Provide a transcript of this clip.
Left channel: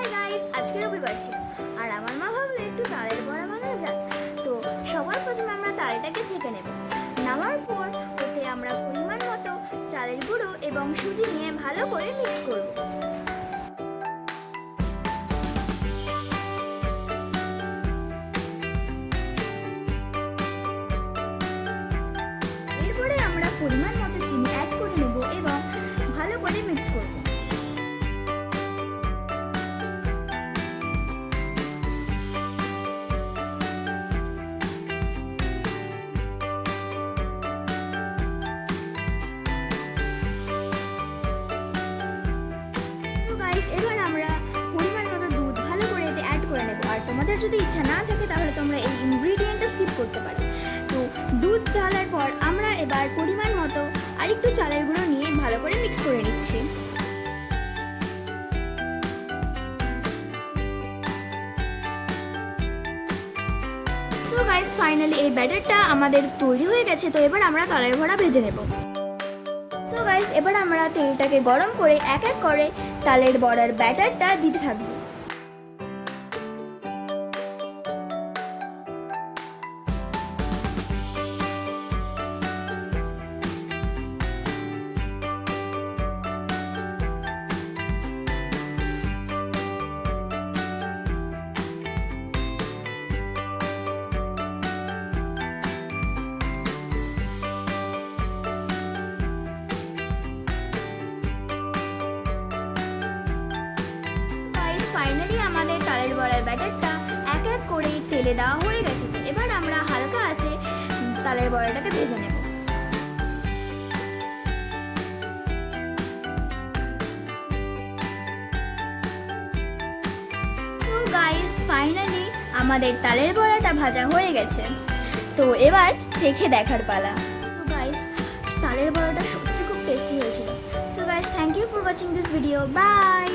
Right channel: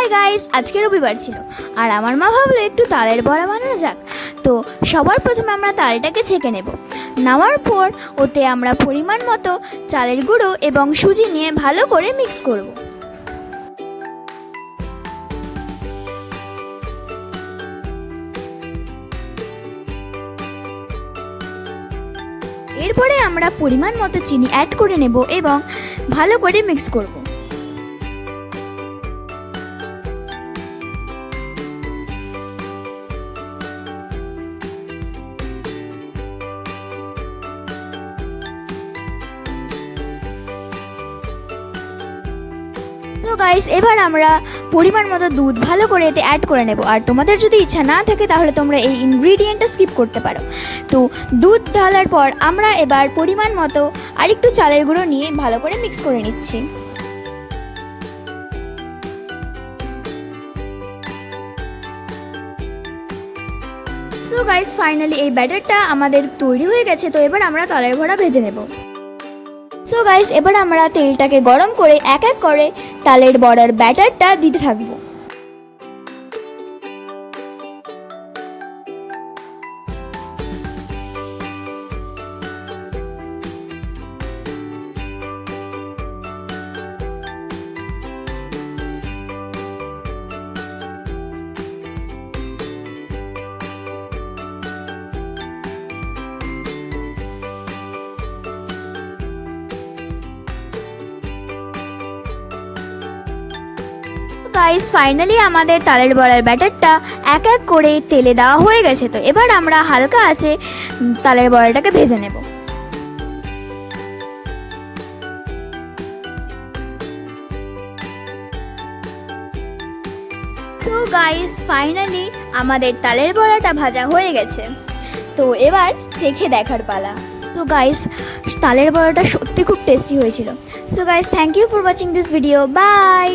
Hi guys, আজকে রবিবার ছিল আর আমার মা ভাবলো একটু তালের বড়া বানানো যাক। তো সবার প্রথমে আমরা তালটাকে ছেঁকে নেব। নেওয়ার পর ওতে আমরা পরিমাণ মতো চালের গুঁড়ো এবং সুজি নিয়ে ভালো করে মিক্স করব। এরপরে আমরা পরিমাণ মতো চিনি অ্যাড করে নেব এবং ভালো করে মিক্স করব। তো গাইস, এবার আমরা পরিমাণ মতো দুধ ভালো করে এতে অ্যাড করে নেব। আর তোমাদের যদি ইচ্ছা না থাকে তাহলে তোমরা এই ইনগ্রিডিয়েন্টটা স্কিপ করতে পারো। তো দুধ ঢালার পর আমরা এবার পরিমাণ মতো আরেকটু চালের গুঁড়ো নিয়ে ভালো করে মিক্স করে নিচ্ছি। তো গাইস, ফাইনালি এই ব্যাটারটা আমাদের তৈরি হয়ে গেছে। তো এবার আমরা তালের বড়া ভেজে নেব। সো গাইস, এবার আমরা তেলটাকে গরম করে এক এক করে তালের বড়ার ব্যাটারটা দিতে থাকবো। গাইস, ফাইনালি আমাদের তালের বড়ার ব্যাটারটা এক এক করে তেলে দেওয়া হয়ে গেছে। তো এবার আমরা হালকা আছে তালের বড়াটাকে ভেজে নেব। তো গাইস, ফাইনালি আমাদের তালের বড়াটা ভাজা হয়ে গেছে। তো এবার চেখে দেখার পালা। তো গাইস, তালের বড়াটা সত্যি খুব টেস্টি হয়েছিল। So guys, thank you for watching this video. By.